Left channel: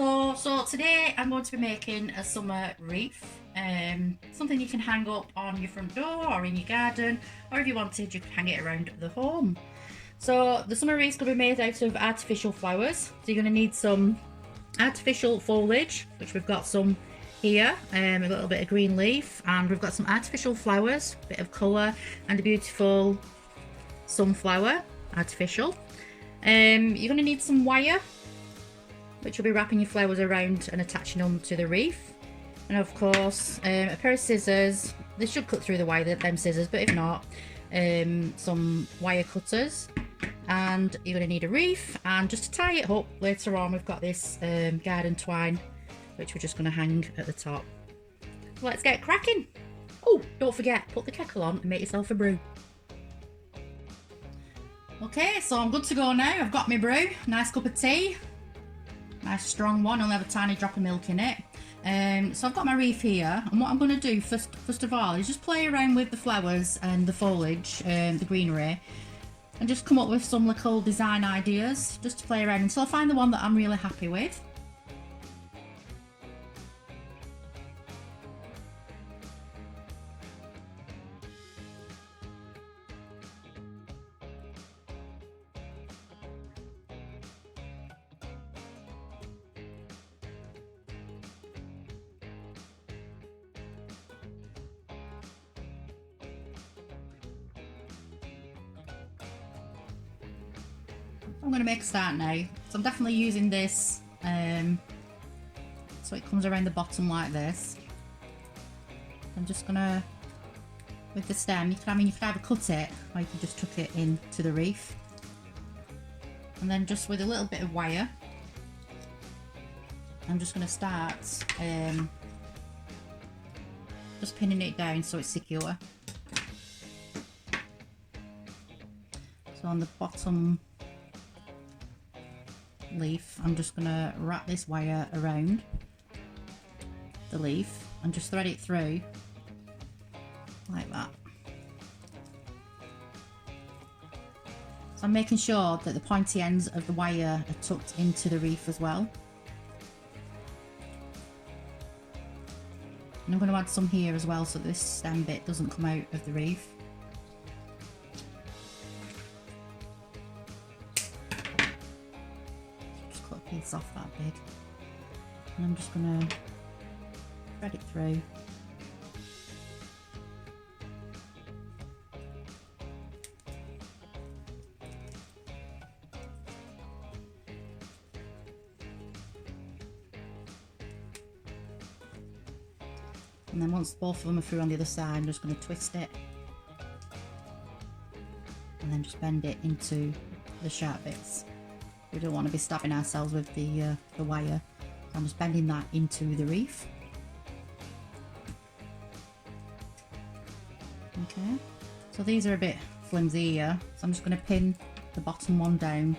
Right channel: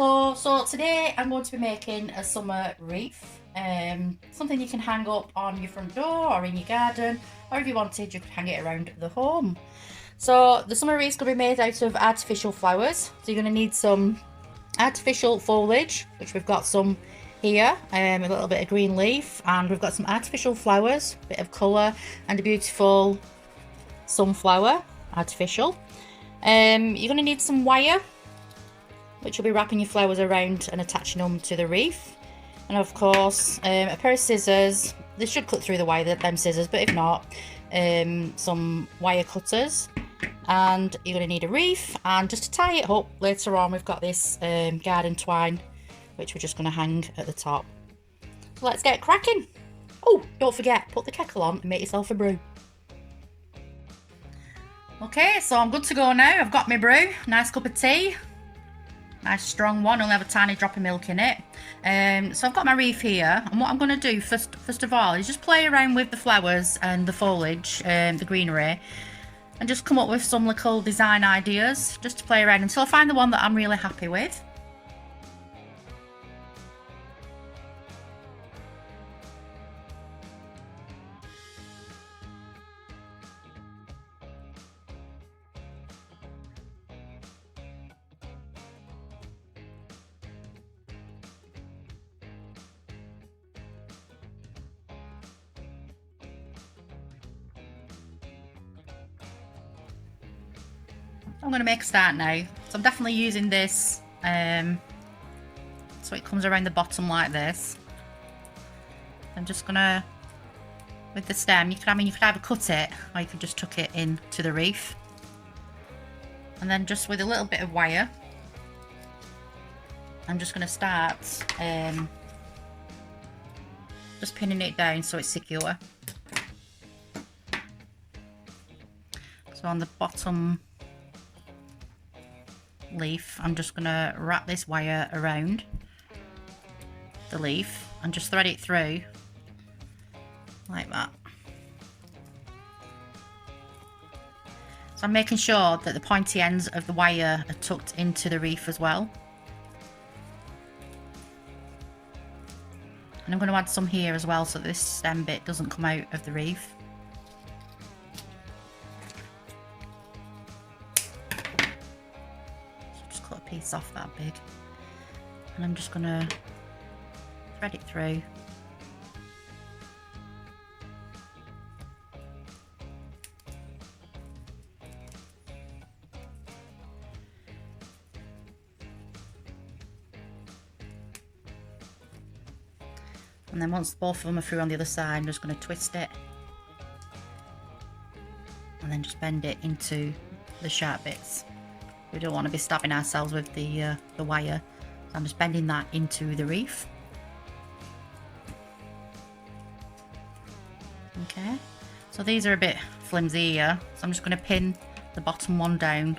Hello, so today I'm going to be making a summer wreath, something you can hang up on your front door or in your garden, or if you wanted you could hang it around the home. So the summer wreath is going to be made out of artificial flowers, so you're going to need some artificial foliage, which we've got some here, a little bit of green leaf, and we've got some artificial flowers, a bit of colour, and a beautiful sunflower, artificial. You're going to need some wire, which will be wrapping your flowers around and attaching them to the wreath. And of course, a pair of scissors. They should cut through the wire, them scissors, but if not, some wire cutters. And you're going to need a wreath, and just to tie it up later on, we've got this garden twine, which we're just going to hang at the top. So let's get cracking. Oh, don't forget, put the kettle on and make yourself a brew. Okay, so I'm good to go now. I've got my brew, nice cup of tea. Nice strong one, only have a tiny drop of milk in it. So I've got my wreath here, and what I'm going to do first of all is just play around with the flowers and the foliage, the greenery, and just come up with some little design ideas just to play around until I find the one that I'm really happy with. I'm going to make a start now, so I'm definitely using this so it comes around the bottom like this. I'm just going to, with the stem, you could either cut it or you could just tuck it into the wreath, and then just with a little bit of wire I'm just going to start just pinning it down so it's secure. So on the bottom leaf, I'm just going to wrap this wire around the leaf and just thread it through like that. So I'm making sure that the pointy ends of the wire are tucked into the wreath as well. And I'm going to add some here as well so that this stem bit doesn't come out of the wreath. Piece off that big, and I'm just going to thread it through. And then once both of them are through on the other side, I'm just going to twist it and then just bend it into the sharp bits. We don't want to be stabbing ourselves with the wire. So I'm just bending that into the wreath. Okay, so these are a bit flimsy here, so I'm just going to pin the bottom one down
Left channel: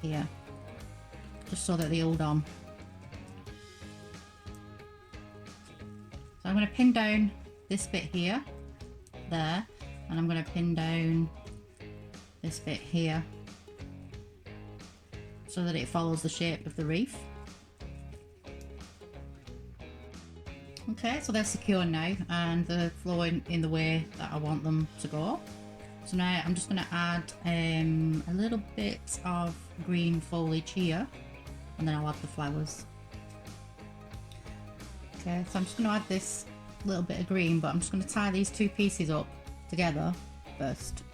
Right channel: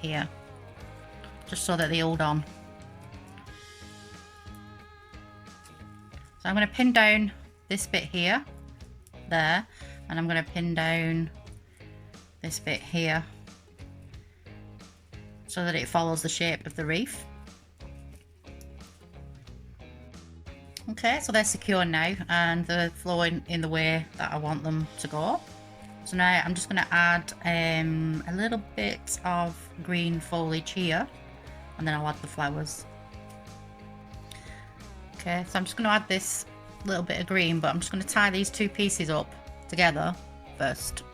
here, just so that they hold on. So I'm going to pin down this bit here, there, and I'm going to pin down this bit here, so that it follows the shape of the wreath. Okay, so they're secure now and they're flowing in the way that I want them to go. So now I'm just going to add a little bit of green foliage here, and then I'll add the flowers. Okay, so I'm just going to add this little bit of green, but I'm just going to tie these two pieces up together first.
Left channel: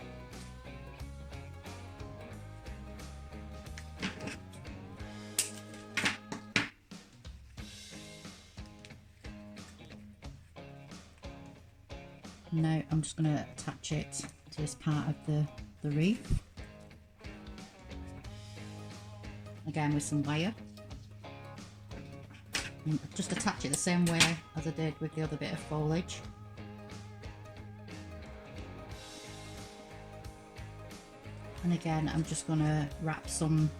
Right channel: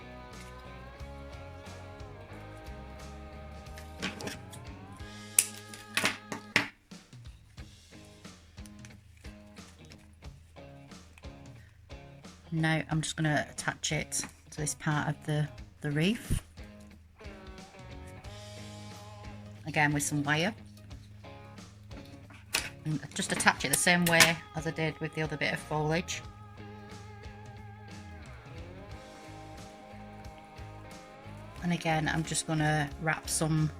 Now I'm just going to attach it to this part of the wreath, again with some wire, and just attach it the same way as I did with the other bit of foliage. And again I'm just going to wrap some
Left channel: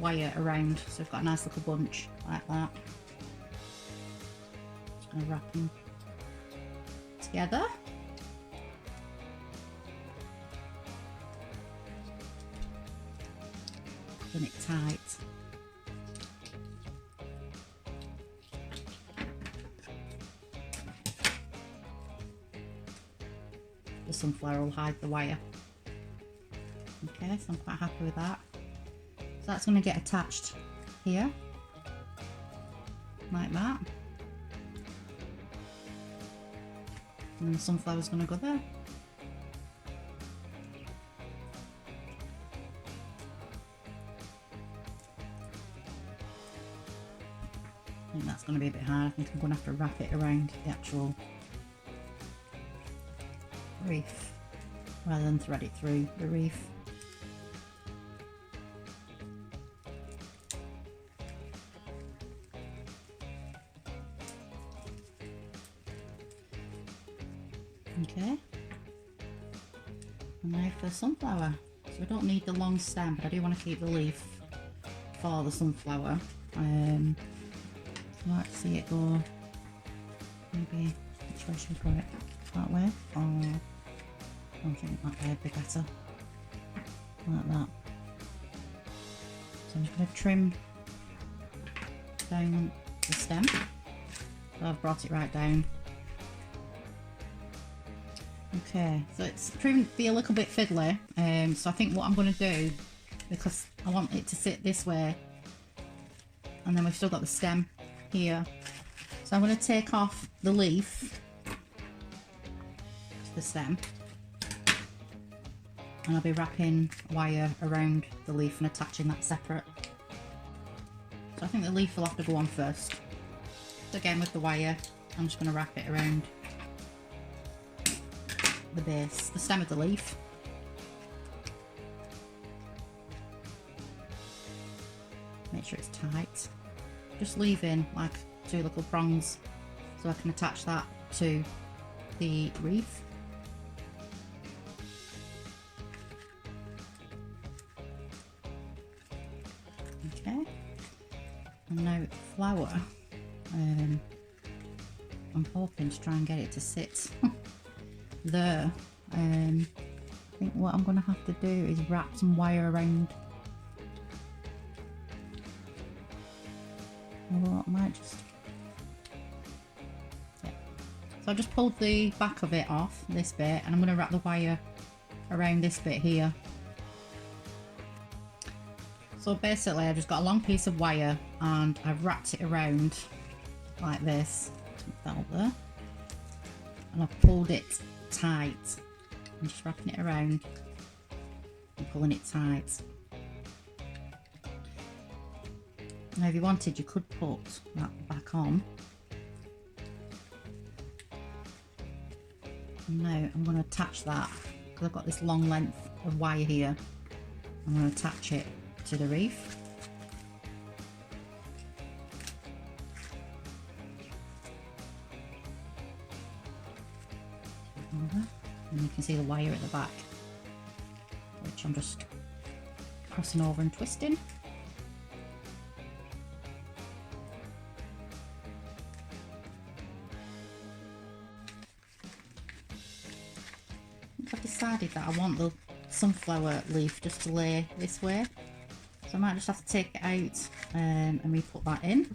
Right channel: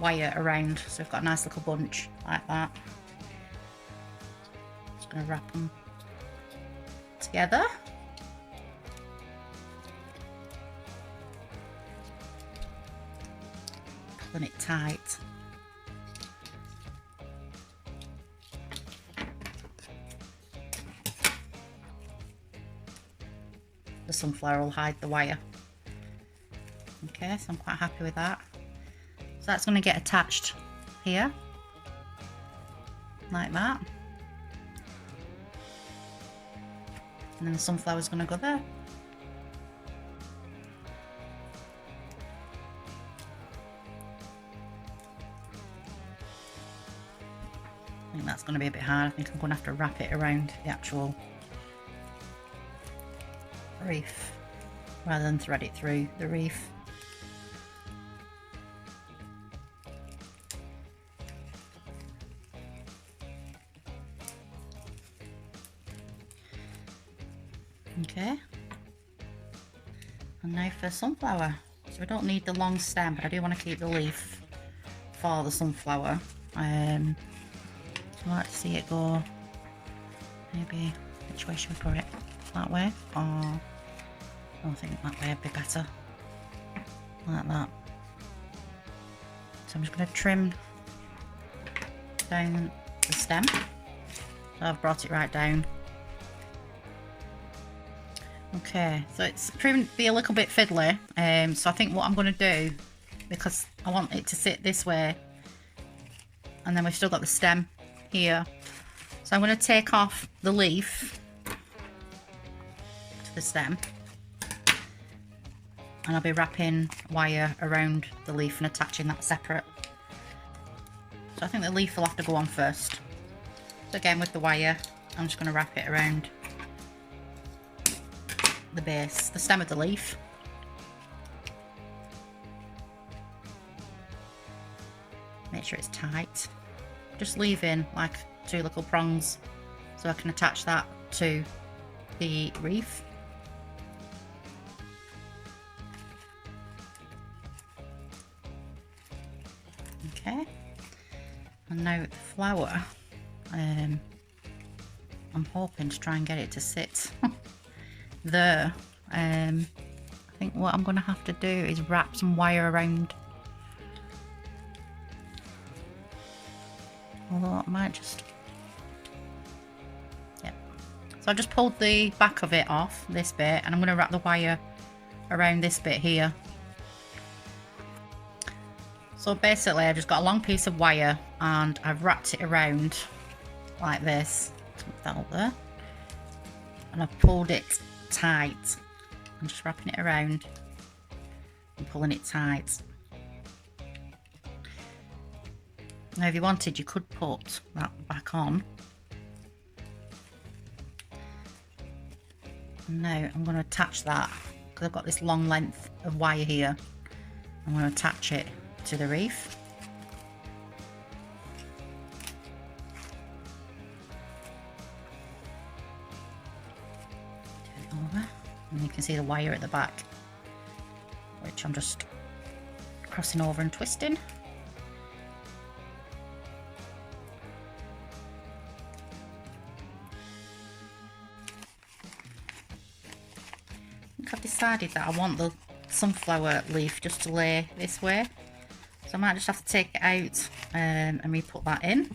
wire around, so we've got a nice little bunch like that. Just going to wrap them together. done it tight. The sunflower will hide the wire. Okay, so I'm quite happy with that. So that's going to get attached here, like that. And then the sunflower's going to go there. I think that's going to be a bit hard. I think I'm going to have to wrap it around the actual wreath rather than thread it through the wreath. Okay, and now for sunflower. So we don't need the long stem, but I do want to keep the leaf for the sunflower. I like to see it go, maybe which way should we put it? That way? Or I think that way would be better. Like that. So I'm just going to trim down the stem. So I've brought it right down. Okay, so it's proven to be a little bit fiddly. So I think what I'm going to do, because I want it to sit this way, and then we've still got the stem here. So I'm going to take off the leaf to the stem, and I'll be wrapping wire around the leaf and attaching that separate. So I think the leaf will have to go on first. So again, with the wire, I'm just going to wrap it around the base, the stem of the leaf. Make sure it's tight. Just leaving like 2 little prongs so I can attach that to the wreath. Okay, and now the flower, I'm hoping to try and get it to sit there. I think what I'm going to have to do is wrap some wire around, although I might just, yeah. So I just pulled the back of it off, this bit, and I'm going to wrap the wire around this bit here. So basically I've just got a long piece of wire and I've wrapped it around like this. Put that up there, and I've pulled it tight. I'm just wrapping it around and pulling it tight. Now if you wanted, you could put that back on. And now I'm going to attach that, because I've got this long length of wire here. I'm going to attach it to the wreath. And you can see the wire at the back, which I'm just crossing over and twisting. I think I've decided that I want the sunflower leaf just to lay this way, so I might just have to take it out and re-put that in.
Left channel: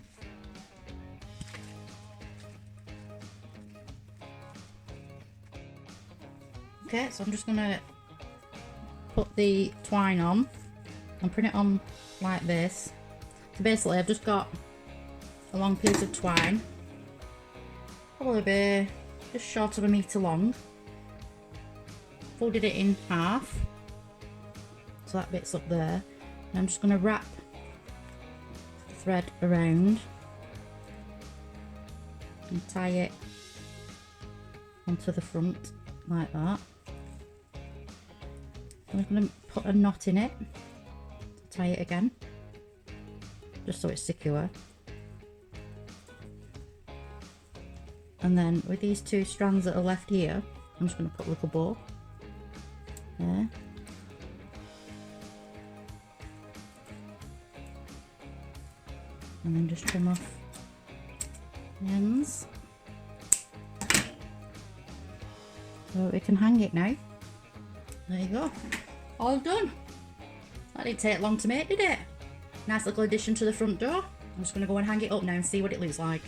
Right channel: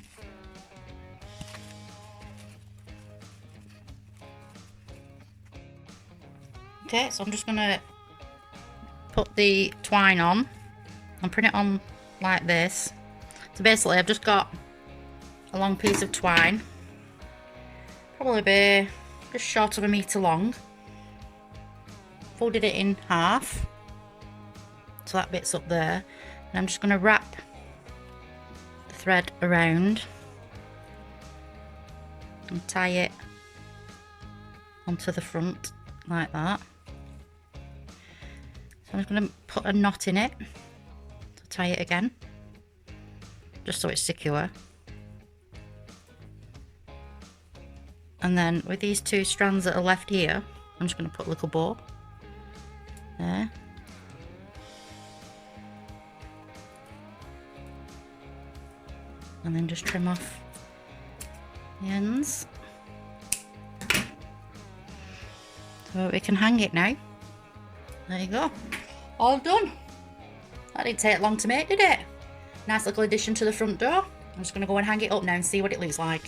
Okay, so I'm just going to put the twine on and put it on like this. So basically I've just got a long piece of twine, probably be just short of 1 metre long, folded it in half, so that bit's up there, and I'm just going to wrap the thread around and tie it onto the front like that. So I'm going to put a knot in it to tie it again, just so it's secure. And then with these 2 strands that are left here, I'm just going to put a little bow there. And then just trim off the ends. So we can hang it now. There you go. All done. That didn't take long to make, did it? Nice little addition to the front door. I'm just going to go and hang it up now and see what it looks like.